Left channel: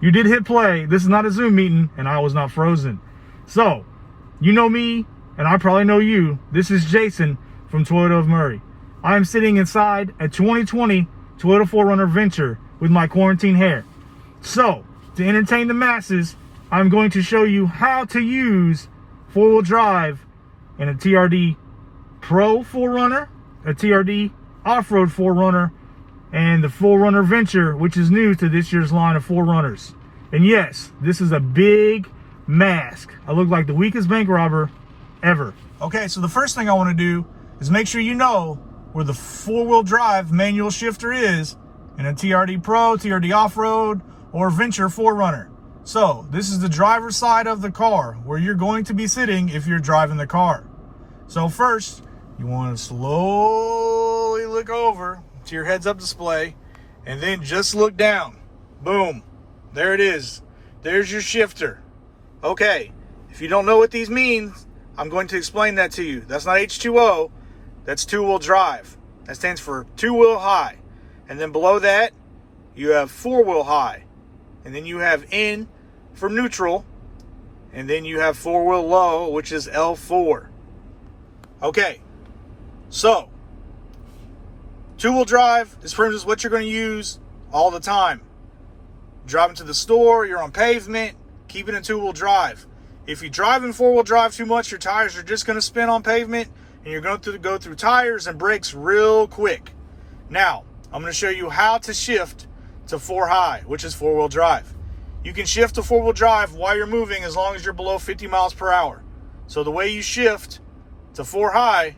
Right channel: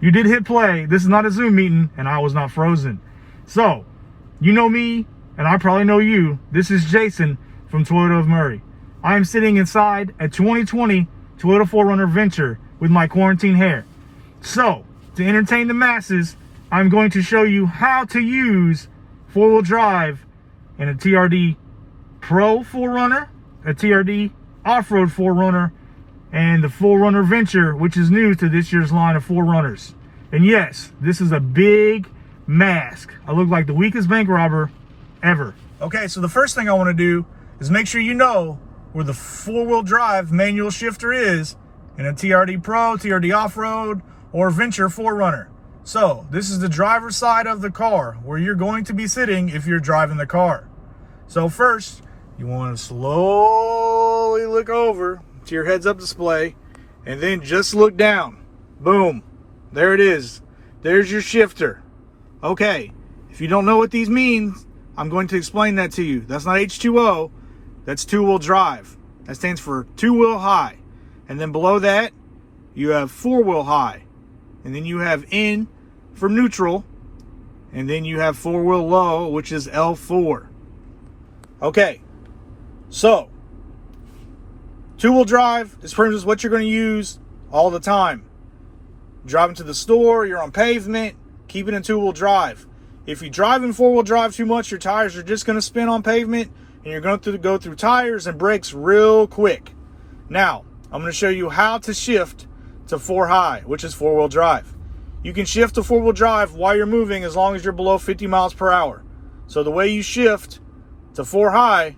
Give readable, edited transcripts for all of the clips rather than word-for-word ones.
you did hit play. This is not a Zoom meeting, and I was not frozen. So, you know me, and I probably know you. This is Jason from Toyota of Murray. I am sitting inside a 2020 Toyota 4Runner Venture with my quarantine hair. So, to entertain the masses, I'm going to show you how to use four-wheel drive in a TRD Pro 4Runner, a TRD Off-Road 4Runner, and the 4Runner Venture, which is new to this year's line of 4Runners. And yes, this is a big mask. I look like the weakest bank robber ever. Okay, so the first thing I want to do is make sure you know where the four-wheel drive manual shifter is in a TRD Pro, TRD Off-Road, or Venture 4Runner. So this is the driver's side of the car where you're going to be sitting if you're driving the car. So first, you want to slowly look over to your heads-up display and then just look down. Boom, there it is. There's your shifter. Okay, if you don't know what these mean, I'm going to explain that to you. That's not H2O, that's two-wheel drive. That stands for two-wheel high. And then below that, you have four-wheel high. And then you have N for neutral. And then you have four-wheel low, which is L4. Okay, so two-wheel drive is pretty much what you're going to use all the time. Driving to the store, you're on pavement, keep it in two-wheel drive. If you drive in four-wheel drive too much, your tires are just going to spin on pavement, and you're going to go through tires and brakes real quick. Now, I'm going to show you how to shift to four high, which is four-wheel drive. You can shift to four-wheel drive while you're moving as long as you're below 50 miles per hour. So the way you shift to four high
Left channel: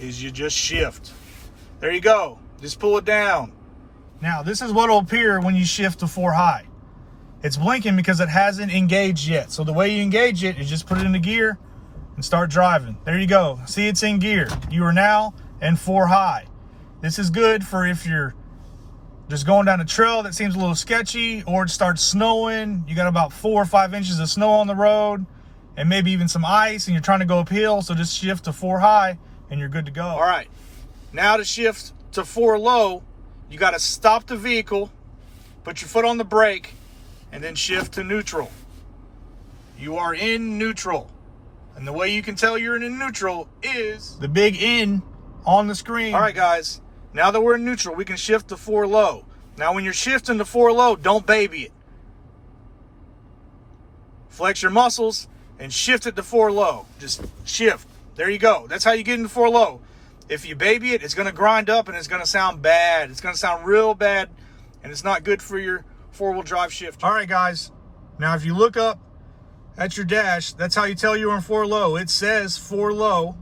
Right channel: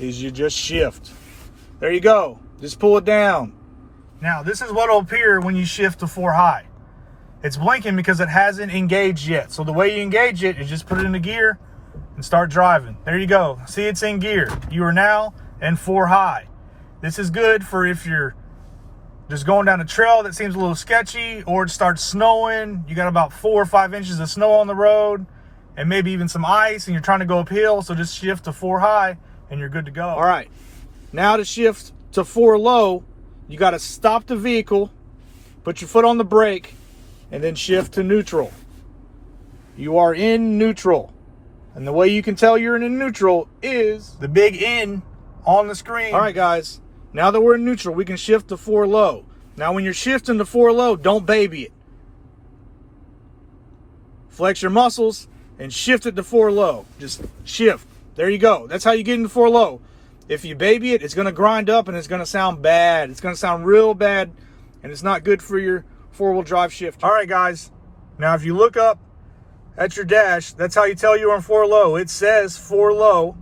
is you just shift. There you go. Just pull it down. Now, this is what will appear when you shift to four high. It's blinking because it hasn't engaged yet. So the way you engage it is just put it into gear and start driving. There you go. See, it's in gear. You are now in four high. This is good for if you're just going down a trail that seems a little sketchy, or it starts snowing. You got about 4 or 5 inches of snow on the road and maybe even some ice, and you're trying to go uphill. So just shift to four high and you're good to go. All right. Now to shift to four low, you got to stop the vehicle, put your foot on the brake, and then shift to neutral. You are in neutral. And the way you can tell you're in neutral is the big N on the screen. All right, guys. Now that we're in neutral, we can shift to four low. Now, when you're shifting to four low, don't baby it. Flex your muscles and shift it to four low. Just shift. There you go. That's how you get into four low. If you baby it, it's going to grind up and it's going to sound bad. It's going to sound real bad, and it's not good for your four-wheel drive shift. All right, guys. Now, if you look up at your dash, that's how you tell you're on four low. It says four low.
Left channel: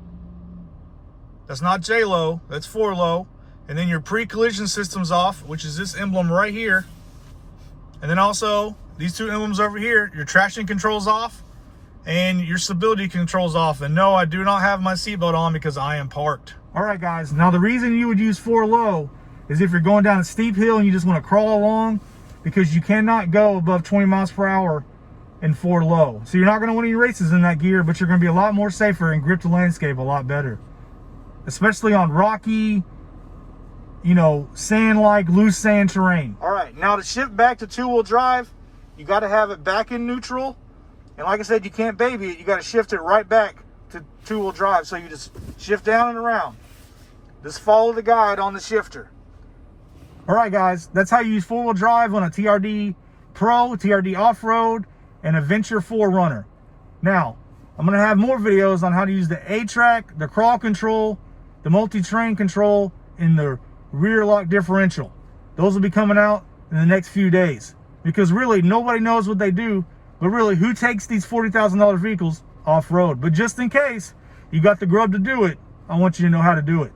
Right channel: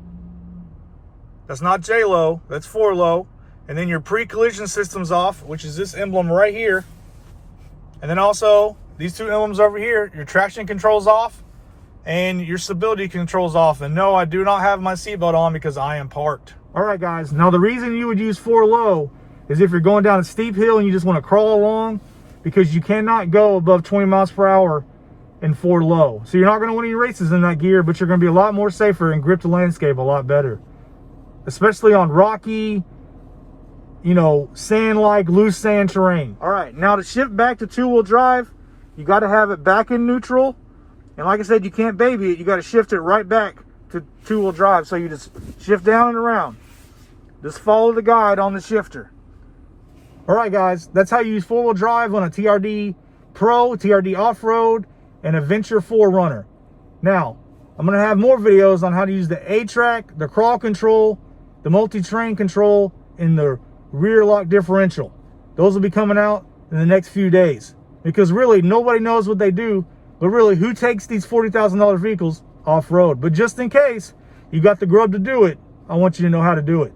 That's not J low. That's four low. And then your pre-collision system's off, which is this emblem right here. And then also these two emblems over here. Your traction control's off and your stability control's off. And no, I do not have my seatbelt on because I am parked. All right, guys. Now, the reason you would use four low is if you're going down a steep hill and you just want to crawl along, because you cannot go above 20 miles per hour in four low. So you're not going to win any races in that gear, but you're going to be a lot more safer and grip the landscape a lot better. Especially on rocky, you know, sand-like, loose sand terrain. All right, now to shift back to two-wheel drive, you got to have it back in neutral. And like I said, you can't baby it. You got to shift it right back to two-wheel drive. So you just shift down and around. Just follow the guide on the shifter. All right, guys, that's how you use four-wheel drive on a TRD Pro, TRD Off-Road, and a Venture 4Runner. Now, I'm going to have more videos on how to use the A-Track, the crawl control, the multi-train control, and the rear lock differential. Those will be coming out in the next few days. Because really, nobody knows what they do, but really, who takes these $40,000 vehicles off-road? But just in case you got the grub to do it, I want you to know how to do it.